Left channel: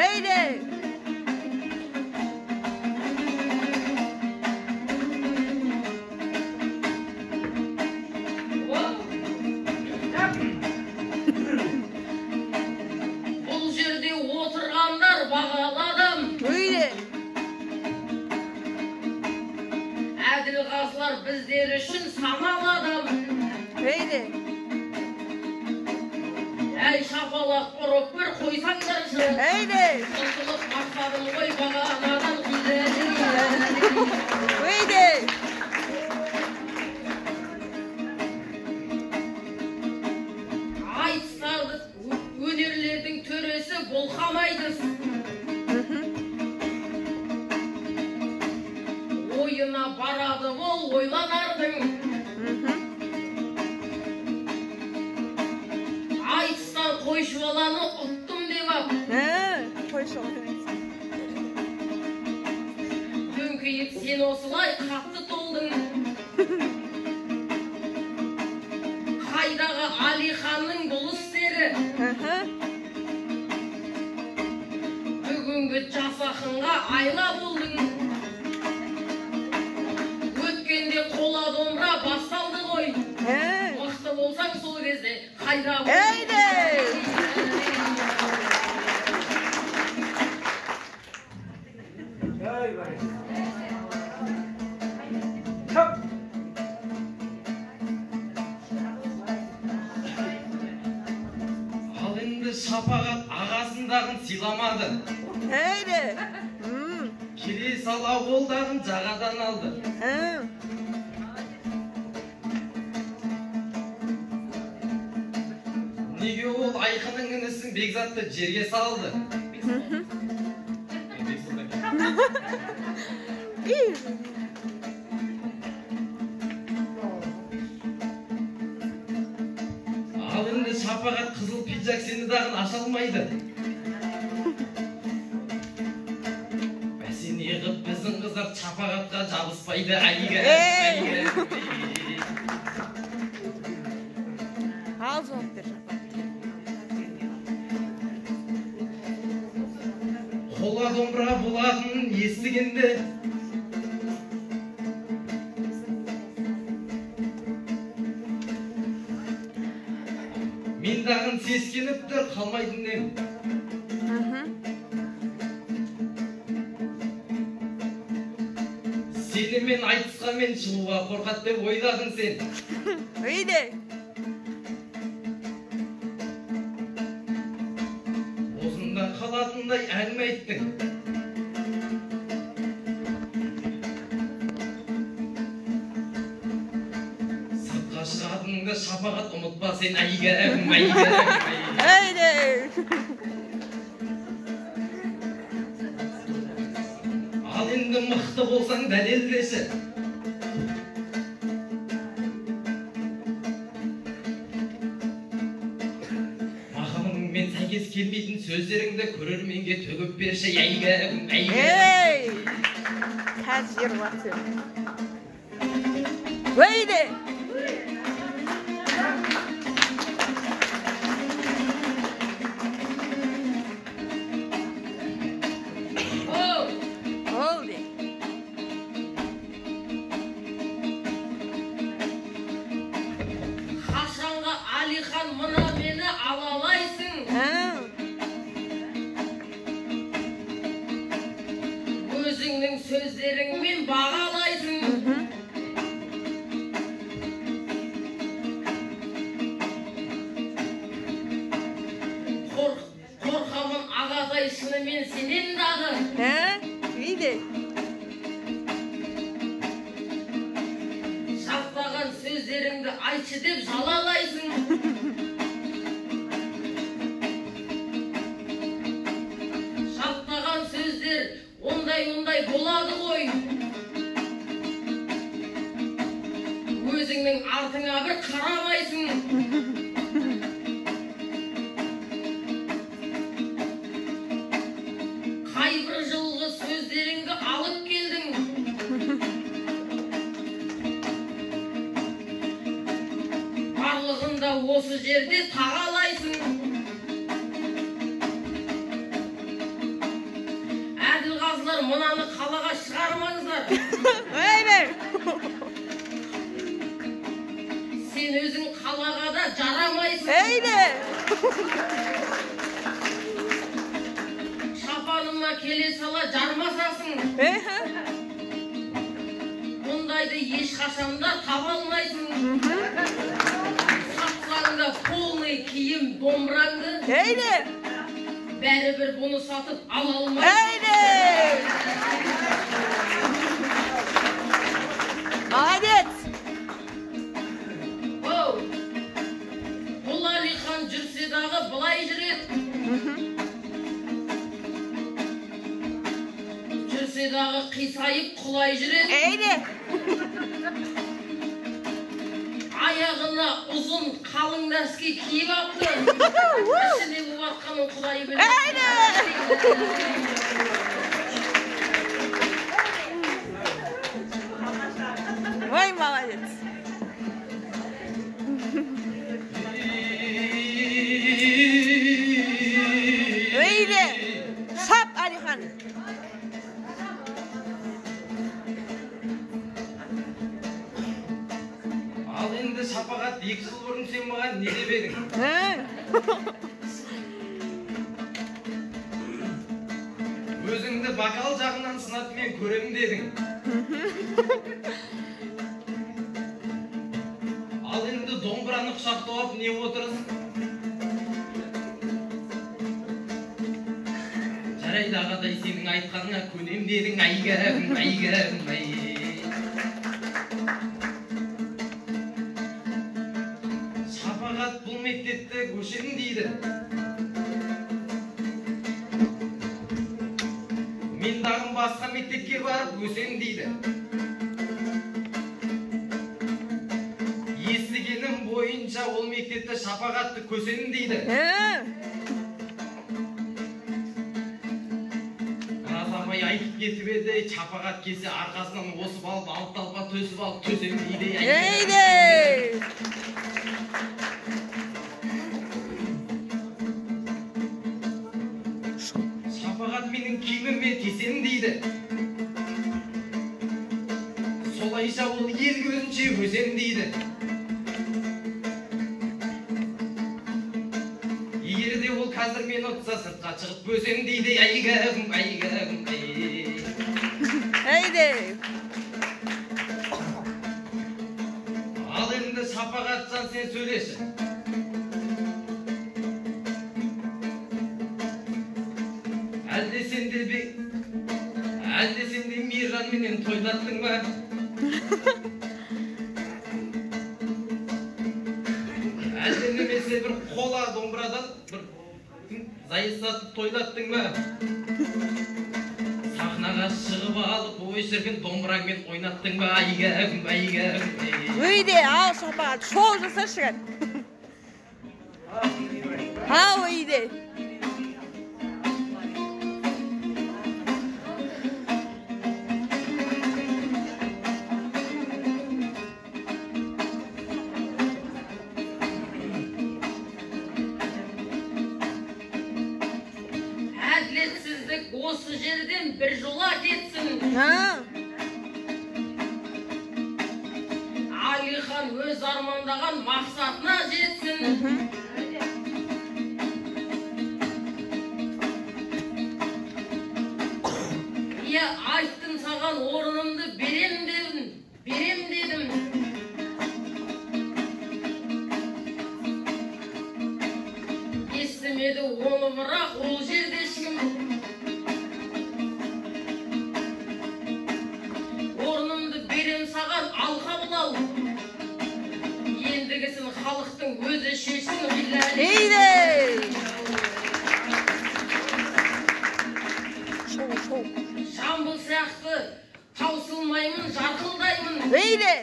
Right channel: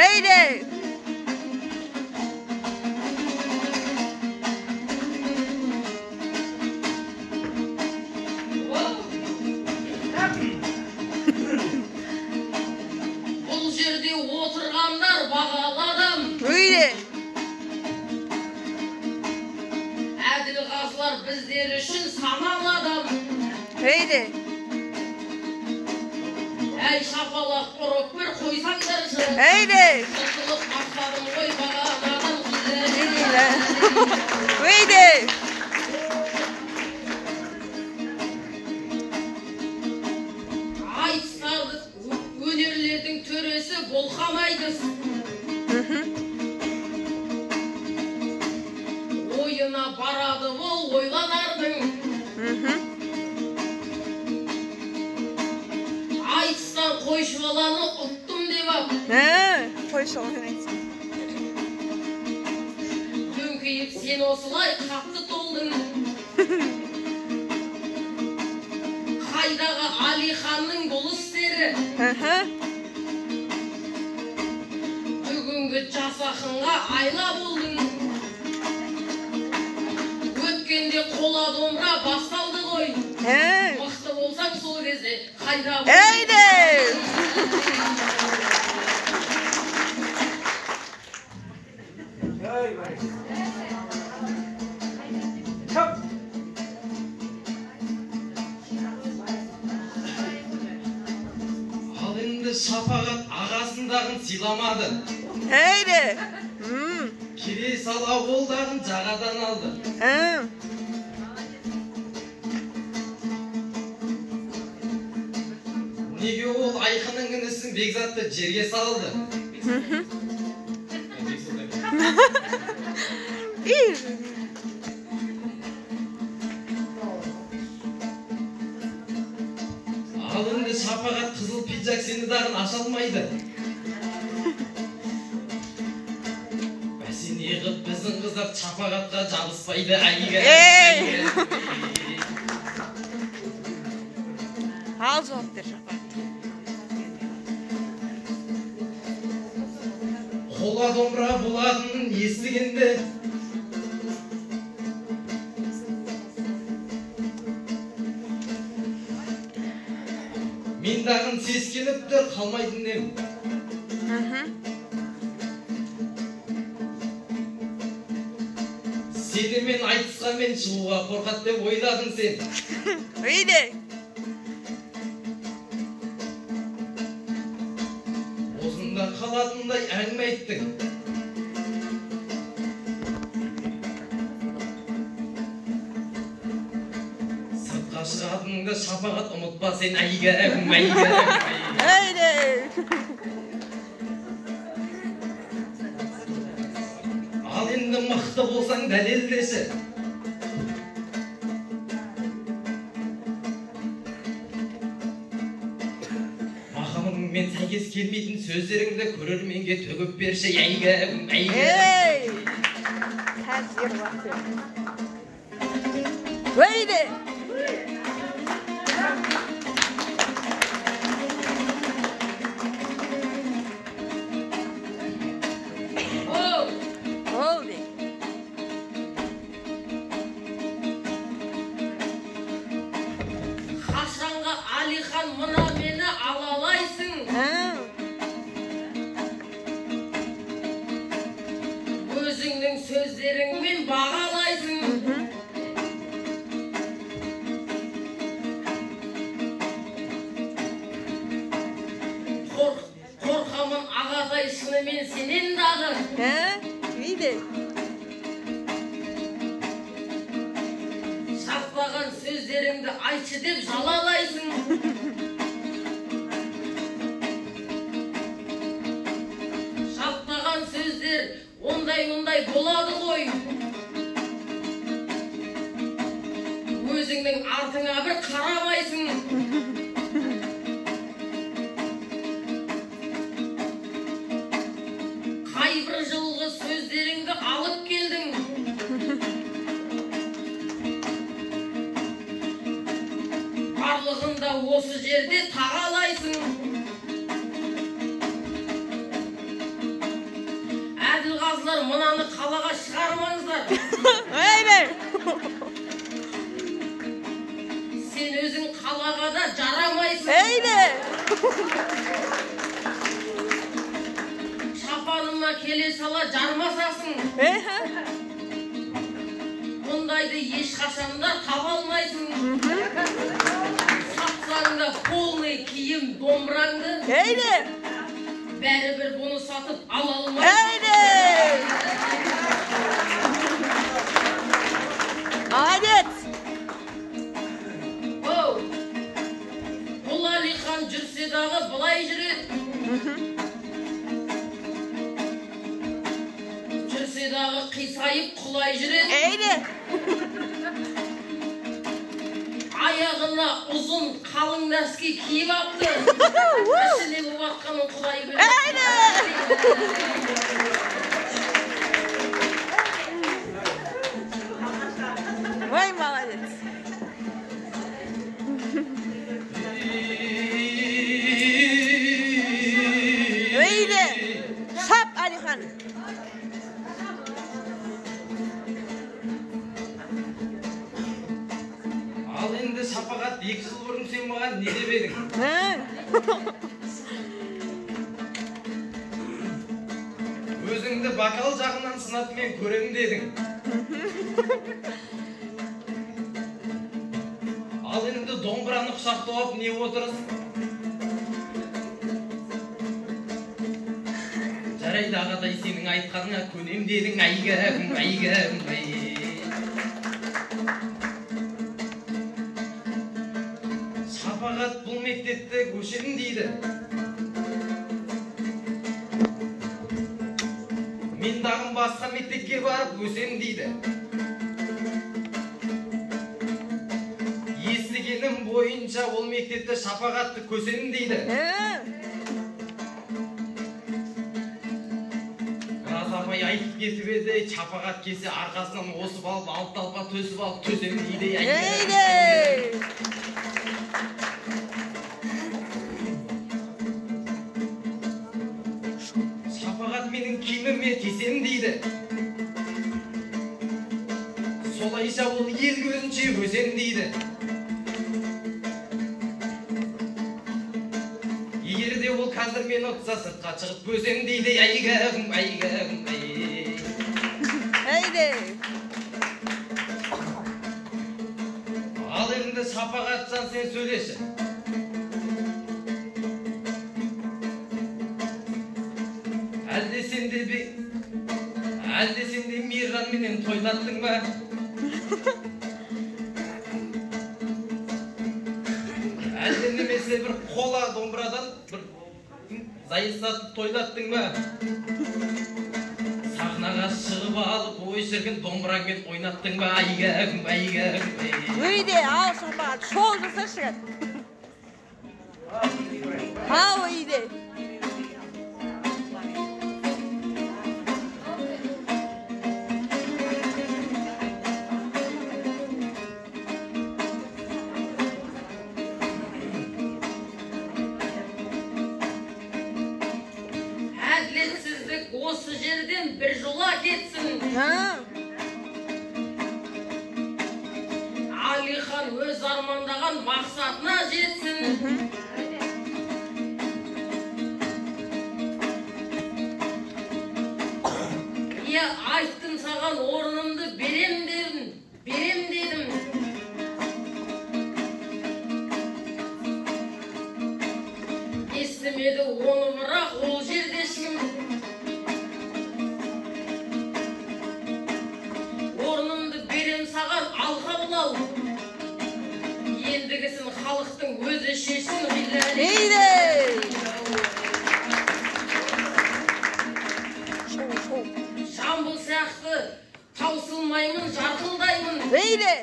Haydi. Бұл жерде отырғандар бағаладым. Haydi. Әділ қазылар біздер үшін саналадым. Haydi. Әй шапалақ ұрып бір қойсаңдаршы. Haydi. Ұлтылық мақтадым ғой бағаладым. Haydi. Айтыстарды өнерлердің төресі болхамайдыз. Ойына барады бол ойланардың. Айтыстан қойшы баланы ұттым деп ап. Koy şunu. Дөңкейіп сен осылай қатты толдың. Қайдағы Алиханның бұл істері. Бүгінгі жас ақынға айла болдың. Өткенде қола домбыра басталды ғой. Мықты болсаң сол кезде қайда болдың. Haydi. Ал енді шапағат ағасындағын сыйламады. Haydi. Келе сала болдағын жағадан алды. Неге ол айқының інісін Бекзатты жерге салды? İyi. Ал енді шапағат қызыл пиджак сені дағын аша алмайды. Бәсе неғып біздің қыздар шапағатқа жабыспайды әлгі. Al cevap ver Şafak. Қола домбыра болатынын естігенде мен дағын сескеніп тұр қалмайдың дем. Сені мен айтысқа мен шығуға қорқат деп ойладың сен. Haydi. Осында қалатындай әңгіме айттың. Сыртқа шығатыныңда шапағат ұмытпа сен әйгерім. Haydi. Ал енді мықты болсаң дәлелдеші. Мақамыңмен сәйкес келмейтін сөздеріңді көрерменге төгіп берші әйгерім. Hey. Ters yer batıyor. Haydi. Oldu. Қашанға Алихан мына мені алалайсың. Өзіңнің сөздеріңмен бағалайсың. Қорқамын ағатай шынымен сенен дағы. Haydi. Шақпаған сөздеріңді айтшы деп жалалайсың. Шақпаған сөздер ондай болады ғой. Өзіңнің артыңа бір қарамайсың. Қайбір жылғы сөздеріңді алып келдің. Барлығында осы жерде тағалайсың. мынаны қалаға шығармаңыздар. Öyle. Sen өзің қалаға да жарамайсың. Öyle. Шапаныма келе сала жармасасың. Мұндайды ешқашанда таба алмайсың. Сатсаң да полный киім домбыраңды. Öyle. Бәрібір бұны сатып ала алмайсың. Öyle. Молодец. Бұл Алихан жүрсе дағы былай жүреді. Жүрсе дағы қисайып құлай жүреді. Öyle. Аяғына ұзын қалың нәски киіп апты. Ішіне болып атқанын құдай біледі. Öyle. Vay молодец. Öyle. Şap Alihan. Ал енді Шапағат 2 жыл бұрын сен маған не деп едің? Өзіңді бокал жағынан сынап мен көремін дедің. Ал енді домбыраны құшақтап алып не отырсың? Жарайды ағатай, сенің айтқаныңа көнем дедің. Айгәрім, айгәрім, ай. Шапағат бұл мектепте көшемін дейді. Мен дағым басқа мектепке барып өсемін дейді. Естігенім бойынша ол мектепте Шапағатты көсемін дейді. Разамай айтып кетіп еді, Шапағат келсе арқасынан осып алып, алып талға төсіп алып төсемін дейді. Öyle. Шапағат менің киіміме тесемін дейді. Солайша ол ел көзінше өсемін дейді. Егер де ол қазір мені ұтса сыртқа шығып өсемін дейді. Айгәрім, айгәрім, ай. Öyle. Ал енді Шапағатжан сен сөйлеші. Әлде сенде Мейран менен тойлаттың ба? Әлде немесе бір қола домбырадан бір зайыстатып тойлаттың ба? Сахнаға шығып алып ой шіркін домбыраңмен ойнаттың ба? Айгәрім, айгәрім, ай. Öyle. Al Şapagat. Şol жасашы. Al öyle. Әділетсіздік осы жерден бір жола кетсін. Алихан өз армандаған мақсатына жетсін. Иә, айттым саған орнымды берем дедім. Естімеді оны, бірақ ол жердешін. Орнымды берем саған, ал қабыл ал. Ендігісін халықтың өзі шешсін. Öyle. Жамбыл сияқты таусылмаймын, жарқылдаймын. Öyle.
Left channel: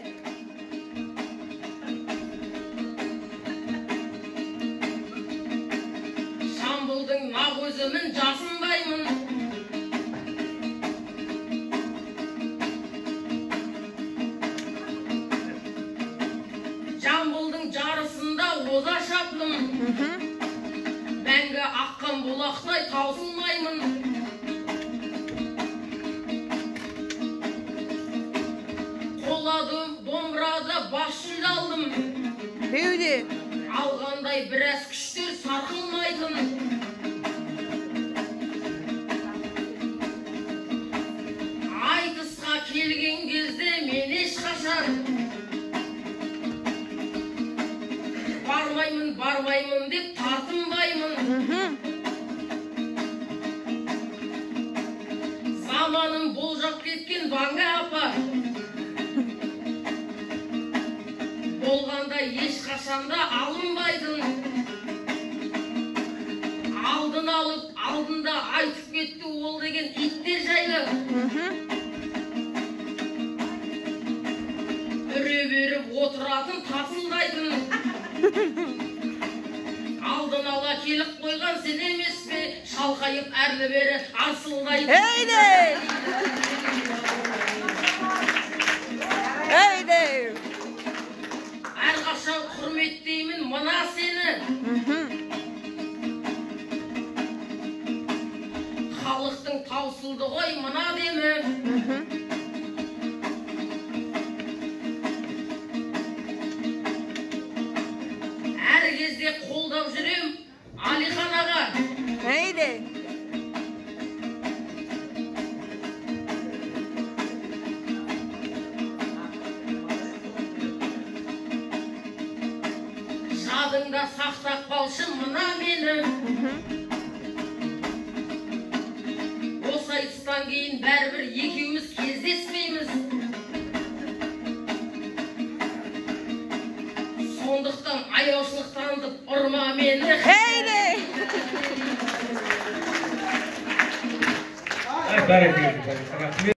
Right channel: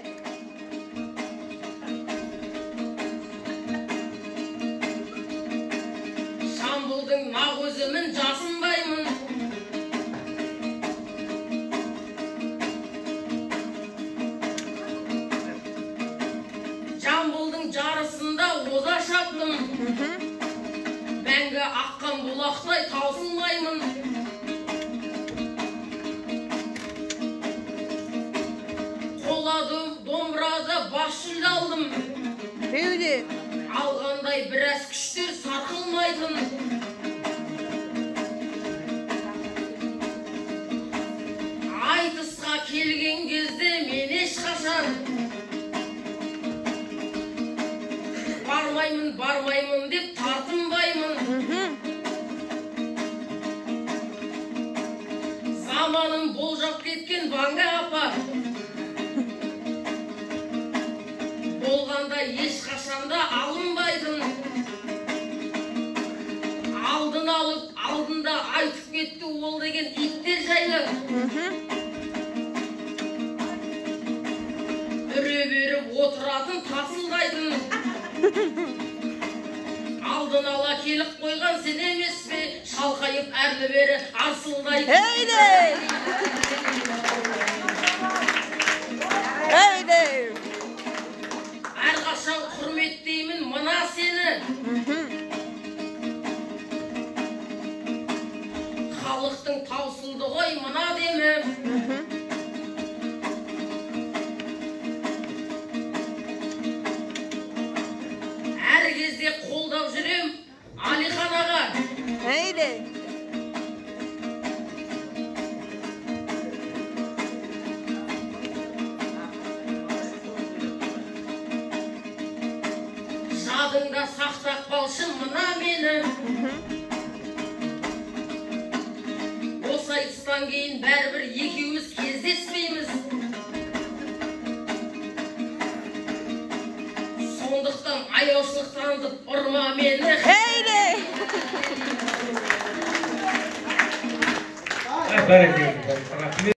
Жамбылдың нақ өзімін жасынбаймын. Жамбылдың жарысында оза шаптым. Мәңгі аққан бұлақтай таусылмаймын. алдым. Heyde. Алғандай біраз күштер сарқылмайтын. Айтысқа келген кезде мен ешқашан бармаймын деп тартынбаймын. Заманын болжап кеткен Ванга апа болғанда ешқашанда алынбайтын. Алдын алып, алдында айтып кетті ол деген иттер жайлы. Үре беріп отыратын тарсылдайтын. Алдын ала келіп қойған сен емес пе? Шалқайып әрлі бері арсылдайтын. Heyde. Heyde. Әрқашан құрметтеймін мына сені. Халықтың таусылды ғой мына демі. Әр кезде қолдап жүрем Алихан аға. Heyde. Жадыңда сақтап қалшын мына мені. Осы айтыстан кейін бәрібір екеуміз кездеспейміз. Сондықтан аяушылық танытып ұрма мені. Heyde. Бәрекелді.